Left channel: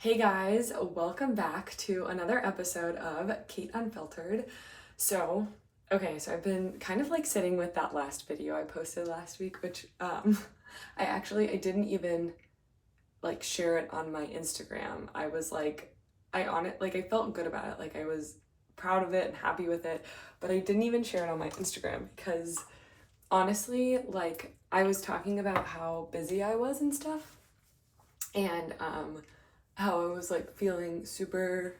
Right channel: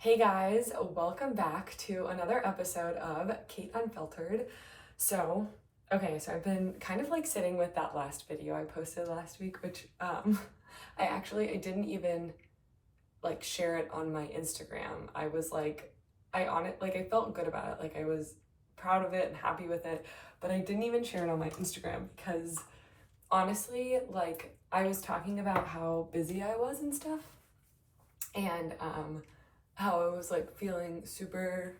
Hey guys, welcome back to another episode of Kate Unfiltered. So I've been kind of like sitting with that last video I posted last week, which I didn't even like share it on my Instagram. I was like, I felt good about it. Like I was proud of it and happy with it, but I didn't even share it on my Instagram because honestly, like I was talking about how busy I was and stuff, and how I was like feeling super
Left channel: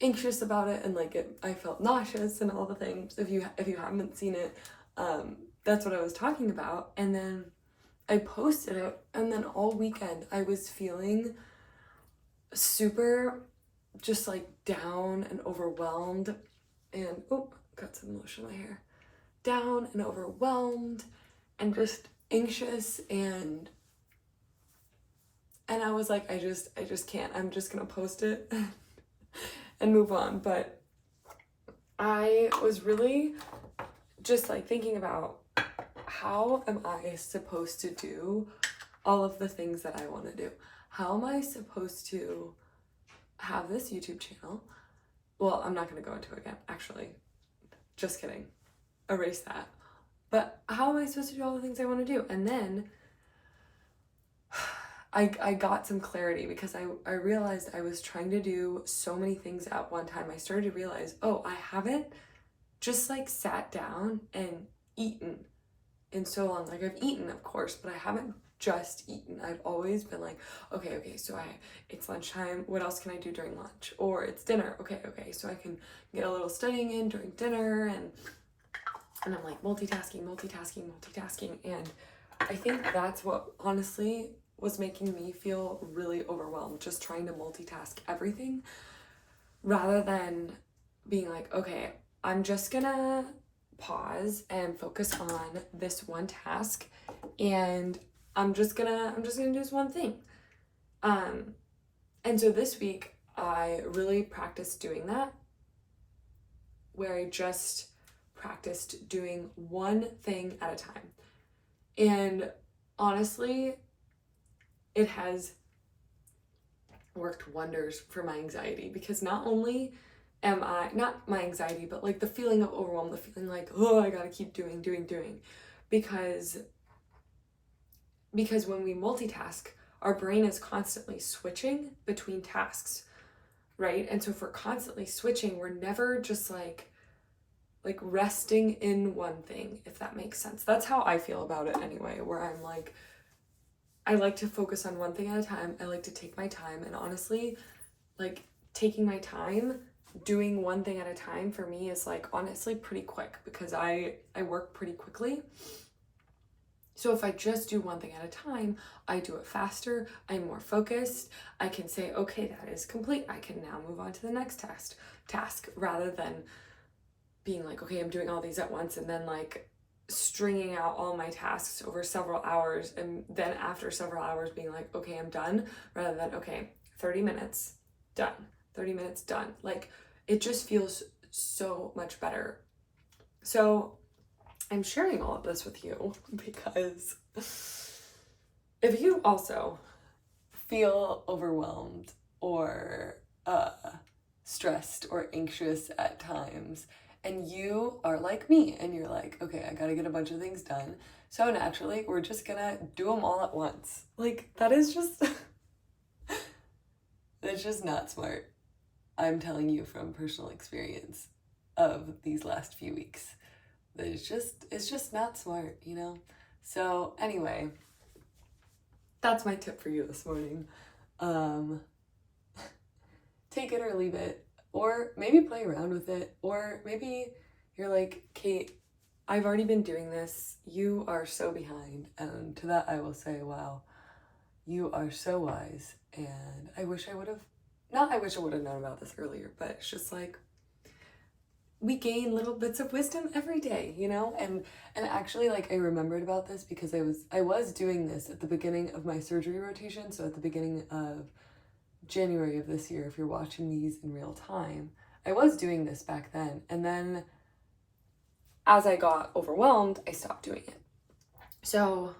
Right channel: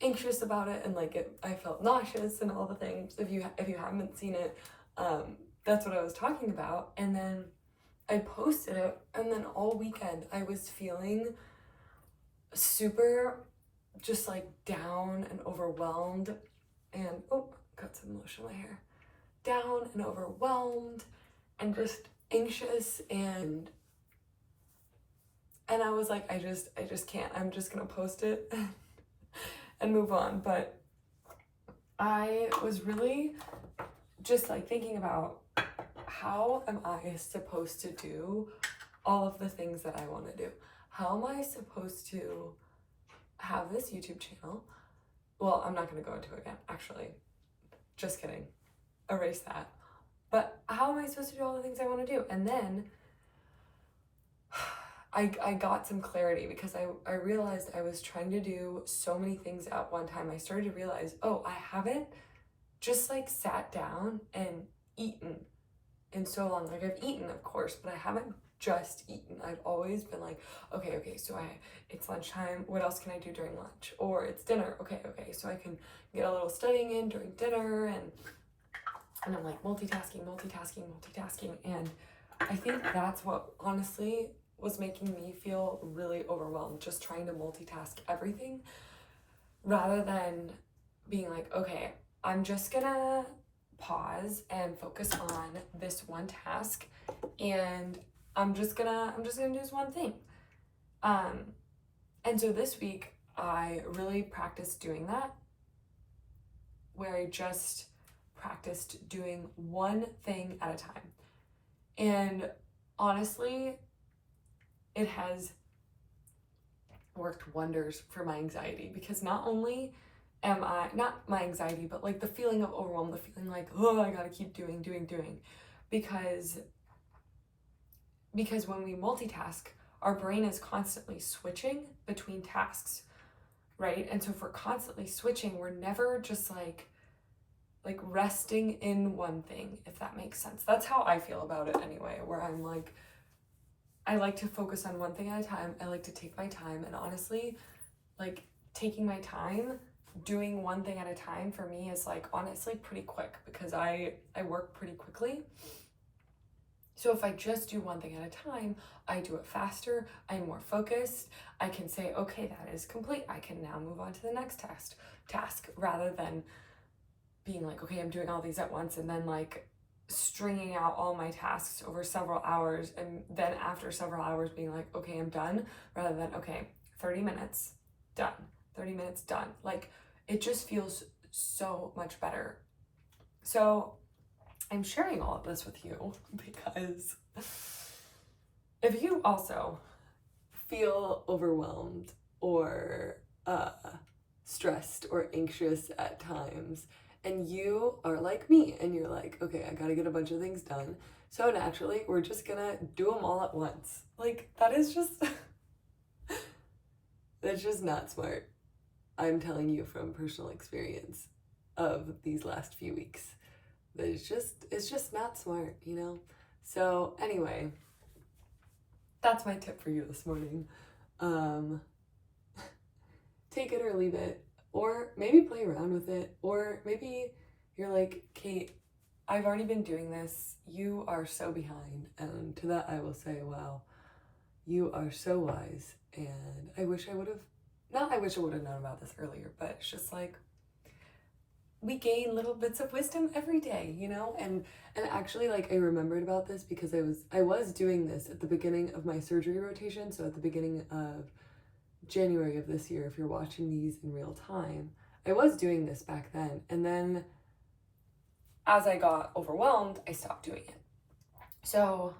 anxious about it, and I felt nauseous and all the things. If you haven't seen it, that's what I was talking about. And then I posted it, and then all weekend I was feeling super just like down and overwhelmed, and got some lotion in my hair. Down and overwhelmed and just anxious, and I was like, I just can't. I'm just gonna post it and move on. But I was really just like thinking about, how am I supposed to do all of the things that I want to do? How am I supposed to have this YouTube channel? Well, I'm not gonna go into it again, actually. Just kidding. Erase that. But how am I supposed to do all the things I want to do? And then I got some clarity because I realized I was trying to do so many things at one time. I started to realize, I haven't just like sat down and eaten in so long. Like I've eaten, of course, but I haven't just eaten. I've always been like, okay, so it's lunchtime. What else can I do during lunch? Or it's dinner. Okay, so I can get a little studying in during dinner, and I'm like multitasking. And I think that's what honestly was making me feel really overwhelmed, just trying to multitask everything rather than being like, okay, I'm just gonna pause and focus on this one task, and I'm just gonna do this one thing. And so this week I really practiced doing that, where I just practiced doing one thing at a time. And honestly, it has worked wonders for my anxiety, because not only am I, not my anxiety, but like the feeling of overwhelm, the feeling like, I gotta keep doing, because when we multitask, our brain is constantly switching between tasks, right? And so if we're constantly switching, we're never just like resting in one thing, if that makes sense. That's how I feel about it anyway, where I'm like, I like to focus on one thing at a time. I like to take my time, and honestly, like taking my time doing one thing at a time for me is like honestly pretty quick, because I work pretty quickly. So if I just do one thing at a time, I do it faster, I'm more focused, I can say, okay, that is complete, I can now move on to the next task, rather than being like, okay, I'm doing all these at once, and then like stringing out all my tasks over several hours, and then after several hours being like, okay, I'm done, rather than, okay, 30 minutes, done, 30 minutes, done. Like it just feels so much better. So I'm sharing all of this with you because if you also feel overwhelmed or stressed or anxious at times, and you are like me and you're like, okay, I gotta get a bunch of things done, so naturally we're just gonna do them all at once. Like that is just that's just not smart. I'm telling you from personal experience of these last few weeks that it's just not smart, you know? So anyway, that's my tip for you this morning. Take it or leave it, or maybe play around with it, or maybe you're like, Kate, I've already been doing this, you are so behind. And to that I will say, wow, you are so wise, and I wish I would have known about this earlier, but it's just like we gain little bits of wisdom every day, you know? And actually, like, I remembered about this because I was doing this at the beginning of my surgery rotation, so at the beginning of January of this year, if you're watching these in real time. I was doing this back then, and then as I got overwhelmed, I stopped doing it. So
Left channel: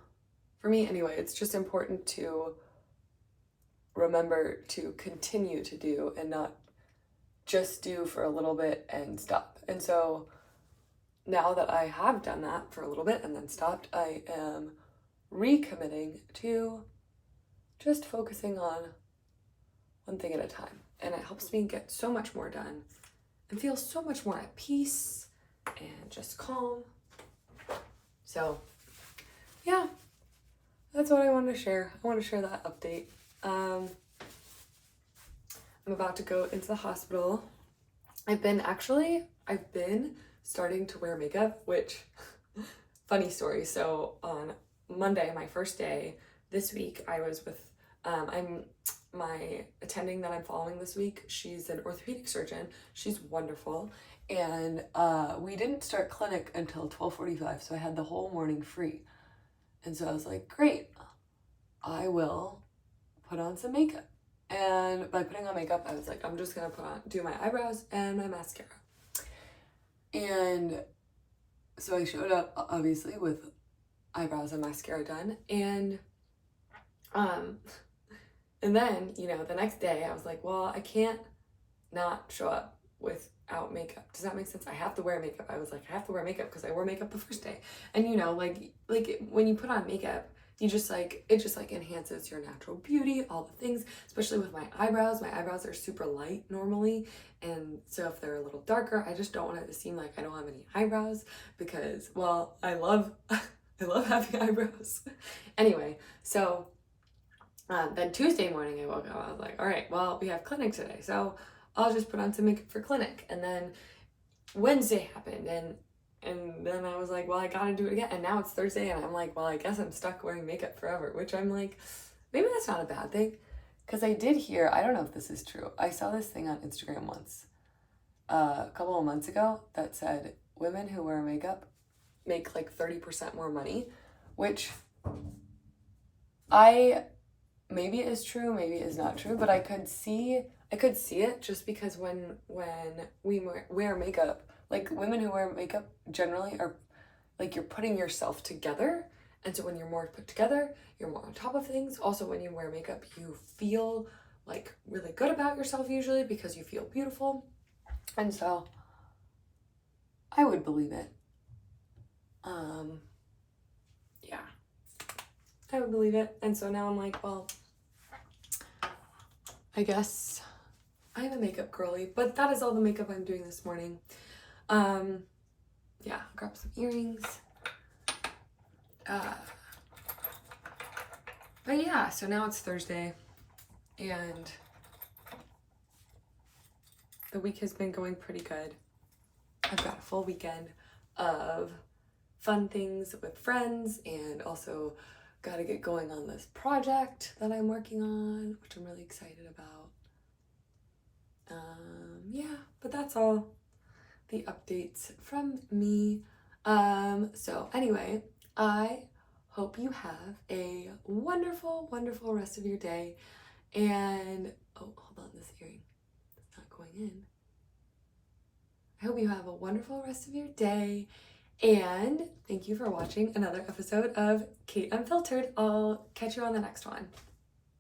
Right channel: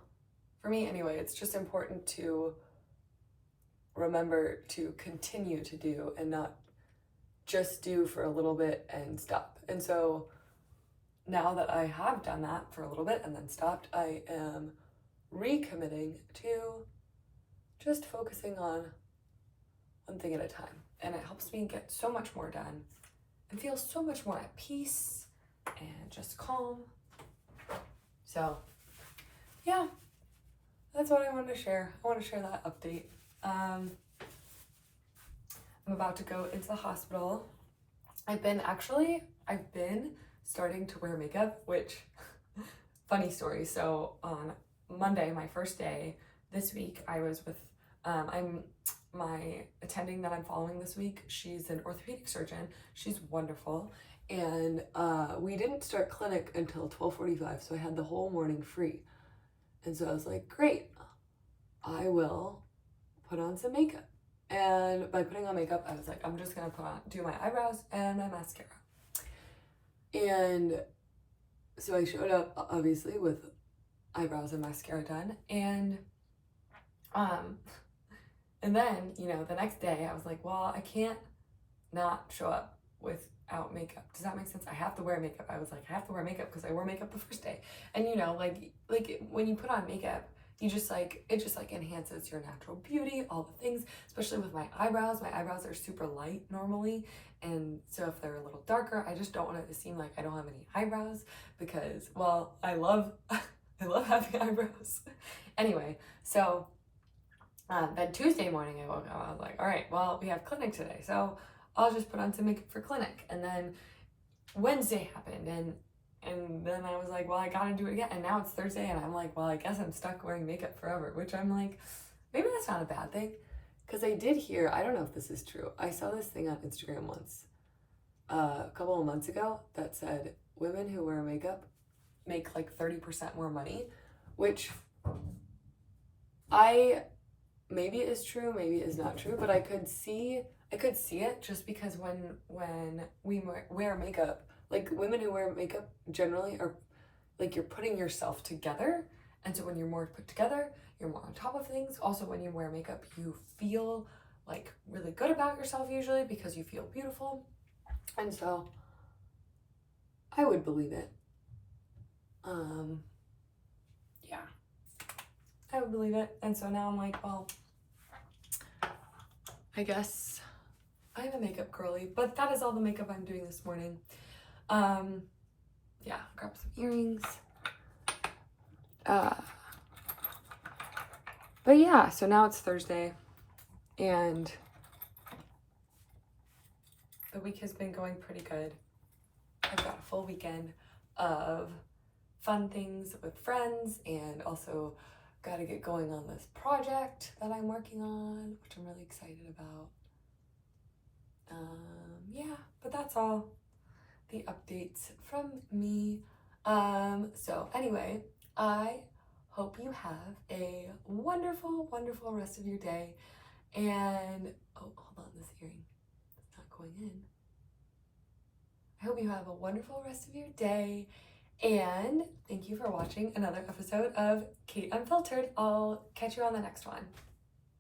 for me anyway, it's just important to remember to continue to do and not just do for a little bit and stop. And so now that I have done that for a little bit and then stopped, I am recommitting to just focusing on one thing at a time. And it helps me get so much more done and feel so much more at peace and just calm. So yeah, that's what I wanted to share. I want to share that update. I'm about to go into the hospital. I've been starting to wear makeup, which funny story. So on Monday, my first day this week, I was with my attending that I'm following this week. She's an orthopedic surgeon. She's wonderful. And we didn't start clinic until 12:45, so I had the whole morning free. And so I was like, great, I will put on some makeup. And by putting on makeup, I was like, I'm just gonna do my eyebrows and my mascara. And so I showed up obviously with eyebrows and mascara done, and then, you know, the next day I was like, well, I can't not show up without makeup. Does that make sense? I have to wear makeup. I was like, I have to wear makeup because I wore makeup the first day. And you know, like when you put on makeup, it just enhances your natural beauty, all the things, especially with my eyebrows. My eyebrows are super light normally. And so if they're a little darker, I just don't want it to seem like I don't have any eyebrows because, well, I love having eyebrows. Anyway, so then Tuesday morning I woke up, I was like, all right, well, we have clinic today, so I'll just put on some makeup for clinic. And then Wednesday happened, and then I was like, well, I gotta do it again. And now it's Thursday, and I'm like, well, I guess I'm stuck wearing makeup forever, which I'm like, maybe that's not a bad thing. Because I did hear, I don't know if this is true, I saw this thing on Instagram once, a couple of months ago, that said women who wear makeup make like 30% more money, which maybe it is true, maybe it is not true, but I could see it just because when we wear makeup, like women who wear makeup generally are like, you're putting yourself together, and so when you're more put together, you're more on top of things. Also, when you wear makeup, you feel like really good about yourself usually because you feel beautiful, and so I would believe it. Yeah, I would believe it. And so now I'm like, well, I guess I'm a makeup girly, but that is all the makeup I'm doing this morning. Yeah, grab some earrings. But yeah, so now it's Thursday, and the week has been going pretty good. I've got a full weekend of fun things with friends, and also got to get going on this project that I'm working on, which I'm really excited about. Yeah, but that's all the updates from me. So anyway, I hope you have a wonderful, wonderful rest of your day. And, oh, hold on, this earring is not going in. I hope you have a wonderful rest of your day. And thank you for watching another episode of Kate Unfiltered. I'll catch you on the next one.